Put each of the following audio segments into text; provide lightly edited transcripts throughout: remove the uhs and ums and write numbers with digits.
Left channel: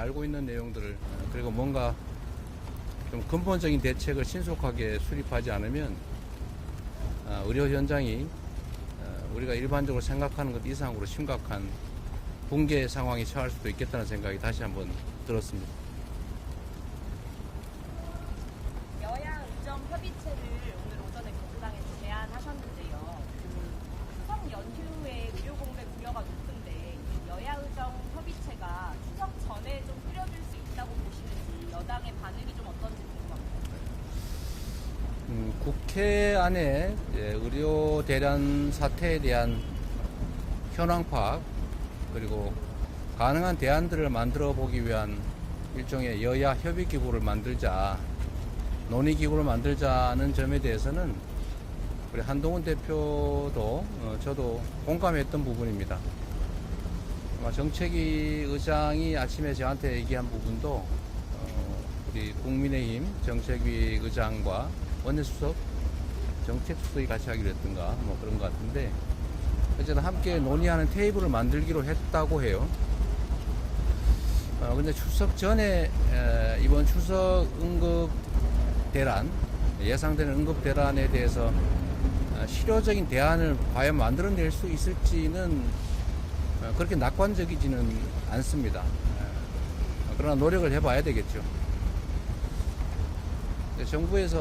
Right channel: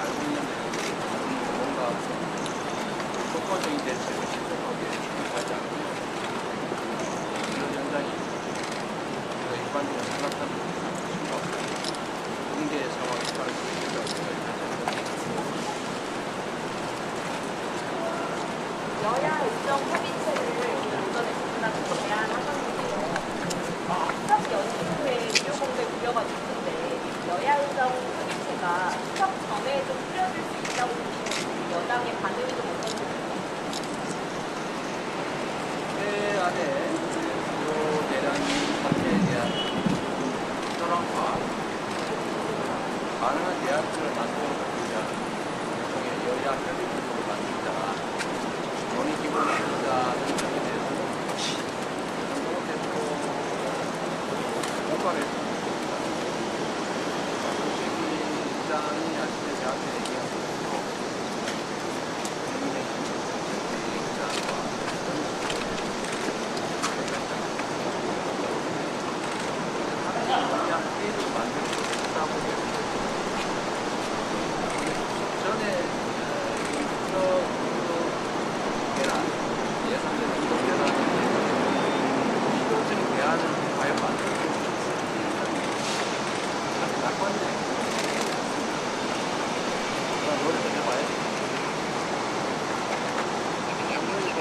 알고 있는 내용들을 가지고 뭔가 근본적인 대책을 신속하게 수립하지 않으면 의료 현장이 우리가 일반적으로 생각하는 것 이상으로 심각한 붕괴 상황에 처할 수 있겠다는 생각이 다시 한번 들었습니다. 여야 의정 협의체를 오전에 접근하고 제안하셨는데요. 수석 연휴 후에 의료 공백 우려가 있는데 여야 의정 협의체가 수석 전에 좀 풀어질 수 있다고 보시는지 여당의 반응이 좀 어떤가요? 국회 안에 의료 대란 사태에 대한 현황화, 가능한 대안들을 만들어보기 위한 일종의 여야 협의 기구를 만들자, 논의 기구를 만들자는 점에 대해서는 한동훈 대표도 저도 공감했던 부분입니다. 정책위장이 아침에 저한테 얘기한 부분도 국민의힘 정책위의장과 권수석 정책수석이 같이 하게 됐습니다. 어쨌든 함께 논의하는 테이블을 만들기로 했다고 해요. 근데 추석 전에 이번 추석 응급 대란, 예상되는 응급 대란에 대해서 실효적인 대안을 과연 만들어낼 수 있을지는 그렇게 낙관적이지는 않습니다. 그런 노력을 해봐야 되겠죠. 정부에서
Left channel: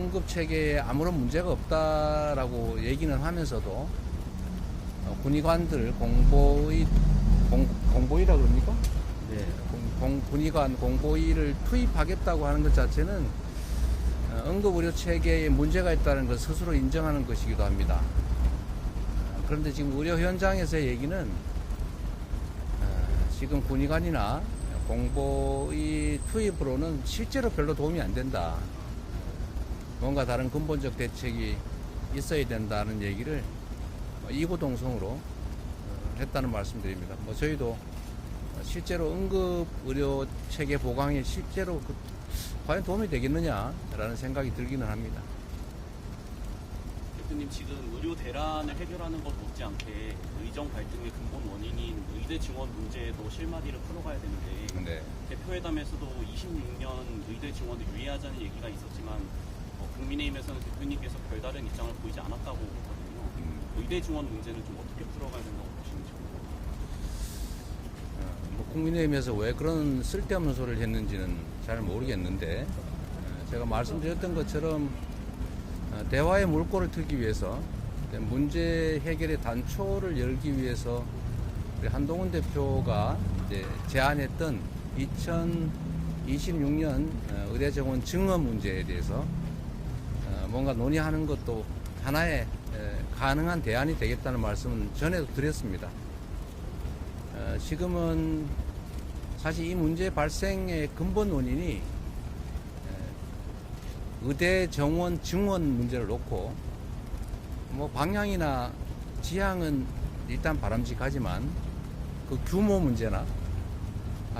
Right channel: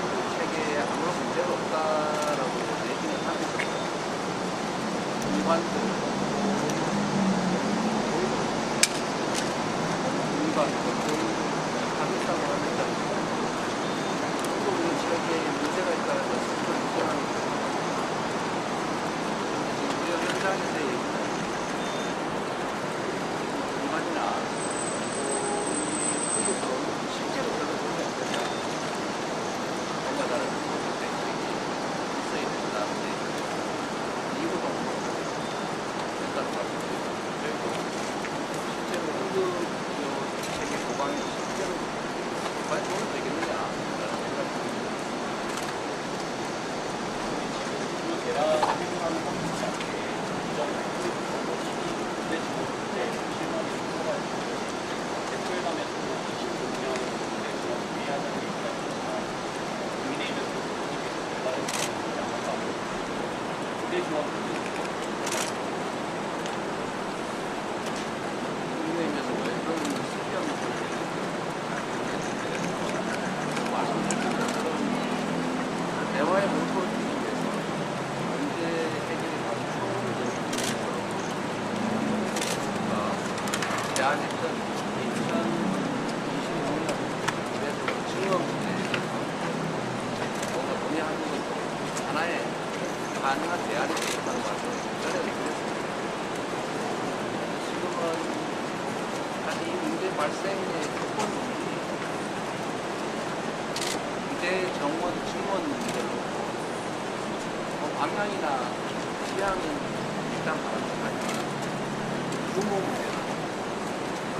응급 체계에 아무런 문제가 없다라고 얘기는 하면서도 군의관들, 공보위를 투입하겠다고 하는 것 자체는 응급의료 체계에 문제가 있다는 걸 스스로 인정하는 것이기도 합니다. 그런데 지금 의료 현장에서의 얘기는 지금 군의관이나 공보위 투입으로는 실제로 별로 도움이 안 된다. 뭔가 다른 근본적 대책이 있어야 된다는 얘기를 이구동성으로 했다는 말씀드립니다. 저희도 실제로 응급의료 체계 보강이 실제로 과연 도움이 되겠느냐라는 생각이 들기는 합니다. 지금 대란을 해결하는 것 같지 않게 이정 발표에 군대 지원 문제 실망이 들어가 있는 것인데 대표회담에서도 25년 군대 지원 회의하자는 얘기가 있었지만 국민의힘에서 부모님께서 결과를 내지 않았다고 군대 지원 문제 국민의힘에서 왜 그런 쓸데없는 소리를 했는지 잘 모르겠는데 말씀드렸던 것처럼 대화의 물꼬를 트기 위해서 문제 해결의 단초를 열기 위해서 한동훈 대표가 제안했던 2026년 의료정원 증원 문제에 대해서 뭔가 논의하는 것도 하나의 가능한 대안이 되어 있다는 말씀을 전에도 드렸습니다. 지금은 사실 이 문제 발생의 근본 원인이 의대 정원 증원 문제를 놓고 방향이나 지향은 일단 바람직하지만 그 규모 문제나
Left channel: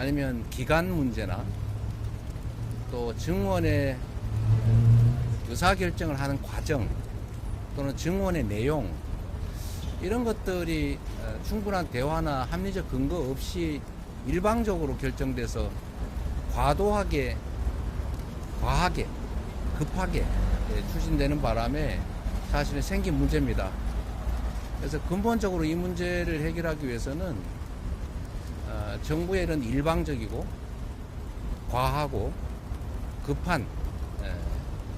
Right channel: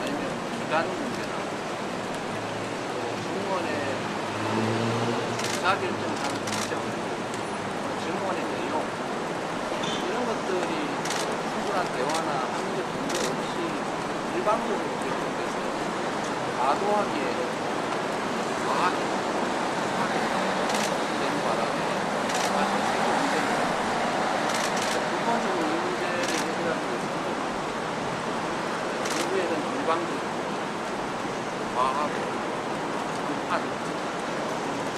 아니면 기간 문제나 또 증원의 의사결정을 하는 과정 또는 증원의 내용 이런 것들이 충분한 대화나 합리적 근거 없이 일방적으로 결정돼서 과도하게, 과하게, 급하게 추진되는 바람에 사실 생긴 문제입니다. 그래서 근본적으로 이 문제를 해결하기 위해서는 정부에는 일방적이고 과하고 급한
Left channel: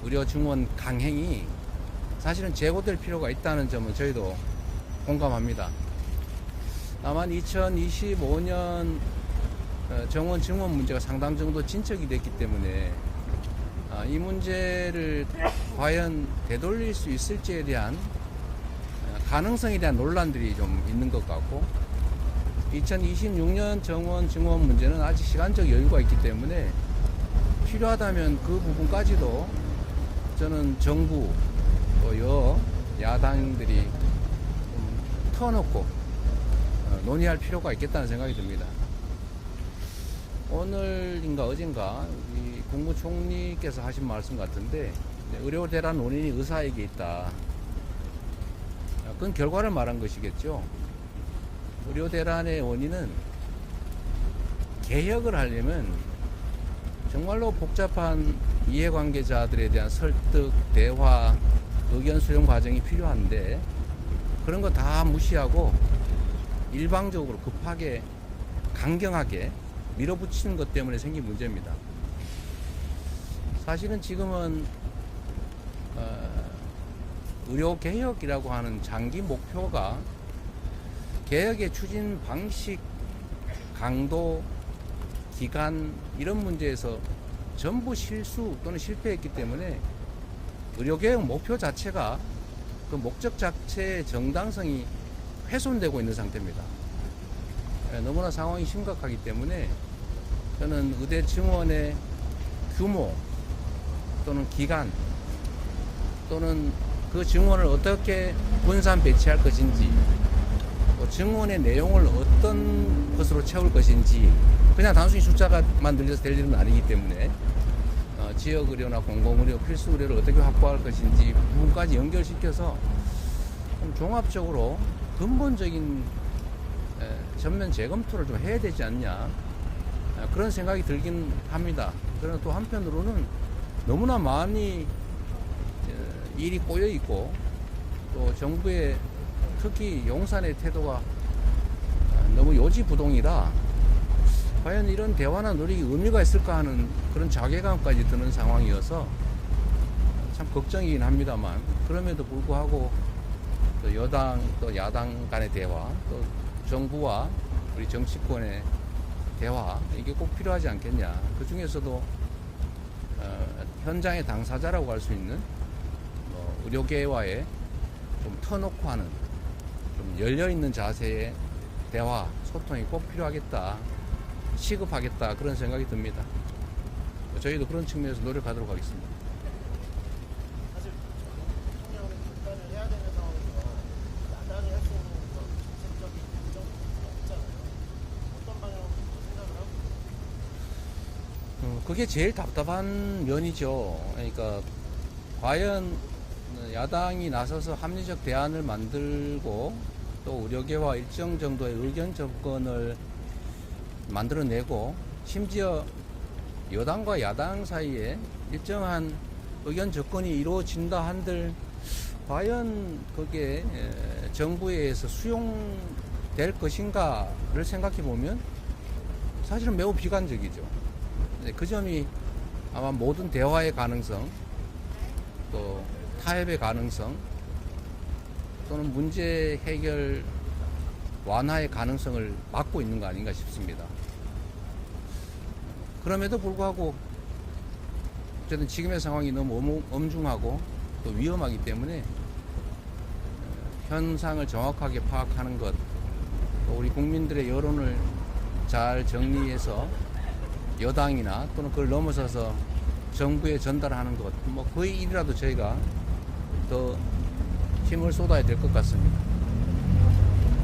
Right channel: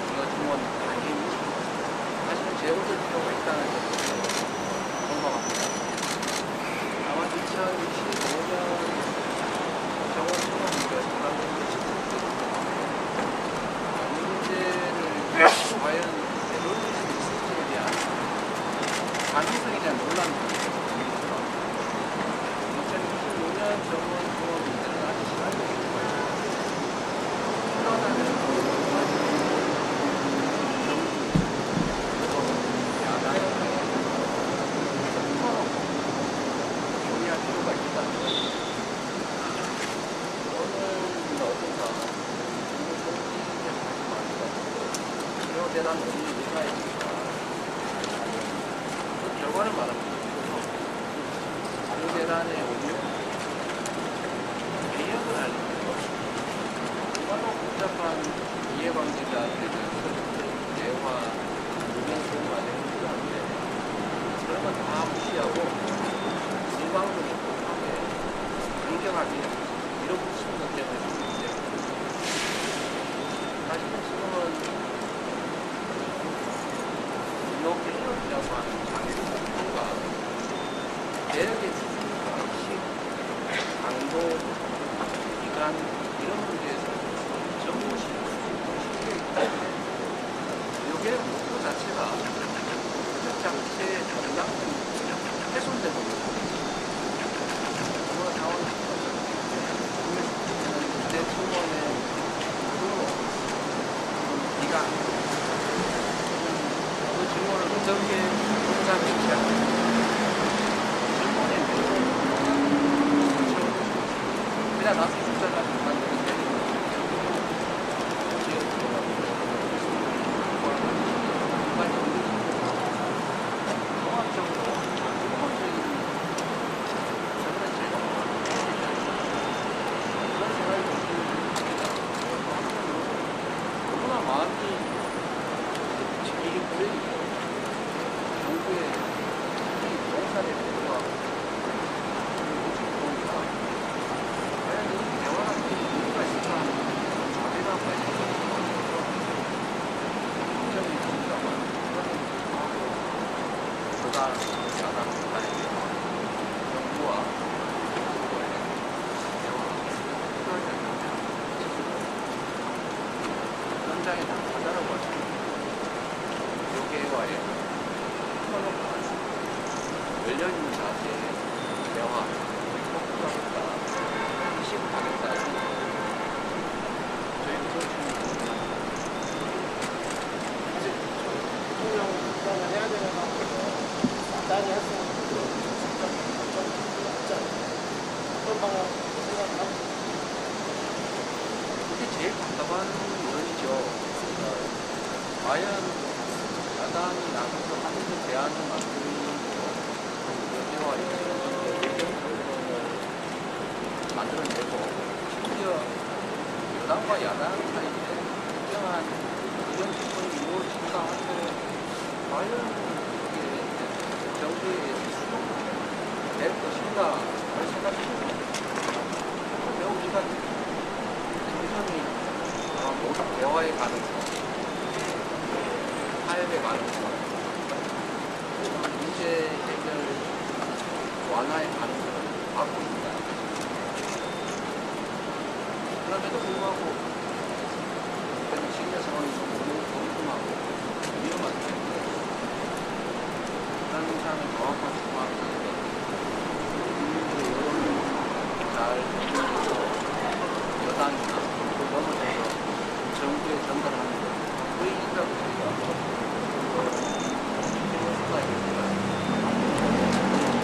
의료 증원 강행이 사실은 제고될 필요가 있다는 점을 저희도 공감합니다. 다만 2025년 정원 증원 문제가 상당 정도 진척이 됐기 때문에 이 문제를 과연 되돌릴 수 있을지에 대한 가능성에 대한 논란들이 있는 것 같고 2026년 정원 증원 문제는 아직 시간적 여유가 있기 때문에 필요하다면 그 부분까지도 저는 정부 또 야당이 풀어놓고 논의할 필요가 있겠다는 생각이 듭니다. 오늘인가 어젠가 국무총리께서 하신 말씀 같은데 의료대란 원인이 의사에게 있다. 그건 결과를 말하는 것이겠죠. 의료대란의 원인은 개혁을 하려면 정말로 복잡한 이해관계자들에 대한 설득, 대화, 의견 수렴 과정이 필요한데 그런 거 다 무시하고 일방적으로 급하게 강경하게 밀어붙이는 것 때문에 생긴 문제입니다. 사실은 지금은 의료개혁이라고 하는 장기 목표가 개혁의 추진 방식, 강도, 기간 이런 문제에서 전부 실수 또는 실패이기 때문에 의료개혁 목표 자체가 그 목적 자체의 정당성이 훼손되고 있는 상태입니다. 너무나 상황이 심각하기 때문에 저는 의대 지원의 규모 또는 기간 또는 그 증원을 어떻게 분산 배치할 것인지, 증원의 내용을 어떤 것으로 채울 것인지, 그냥 단순히 숫자 가지고만 늘려서 내리는 건 아니기 때문에 지역들이나 공공의 필수료를 어떻게 확보할 것인지 그런까지 연결시켜서 종합적으로 근본적인 전면 재검토를 해야 되지 않나 그런 생각이 들긴 합니다. 그리고 또 한편으로는 너무나 많이 일이 꼬여있고 정부의 특히 용산의 태도가 너무 요지부동이라 과연 이런 대화나 의미가 있을까 하는 그런 자괴감까지 드는 상황이어서 좀 걱정이 납니다만 그럼에도 불구하고 여당, 야당 간의 대화, 정부와 정치권의 대화 이게 꼭 필요하지 않겠냐. 그 중에서도 현장의 당사자라고 할 수 있는 의료계와의 터놓고한 열려있는 자세의 대화, 소통이 꼭 필요하겠다, 시급하겠다 그런 생각이 듭니다. 저희도 그런 측면에서 노력하는 것 같습니다. 사실 대통령 국방을 해야 되는 상황에서 마땅히 할 수 없는 어떤 방향 생각하고 그게 제일 답답한 면이죠. 그러니까 과연 야당이 나서서 합리적 대안을 만들고 의료계와 일정 정도의 의견 접근을 만들어내고 심지어 여당과 야당 사이에 일정한 의견 접근이 이루어진다 한들 과연 그게 정부에 의해서 수용될 것인가를 생각해보면 사실 매우 비관적이죠. 그 점이 모든 대화의 가능성, 타협의 가능성, 또는 문제 해결 완화의 가능성을 막고 있는 거 아닌가 싶습니다. 그럼에도 불구하고 저는 지금의 상황이 너무 엄중하고 위험하기 때문에 현상을 정확하게 파악하는 것, 그리고 국민들의 여론을 잘 정리해서 여당이나 또는 그걸 넘어서서 정부에 전달하는 것, 그 일이라도 저희가 더 힘을 쏟아야 될 것 같습니다.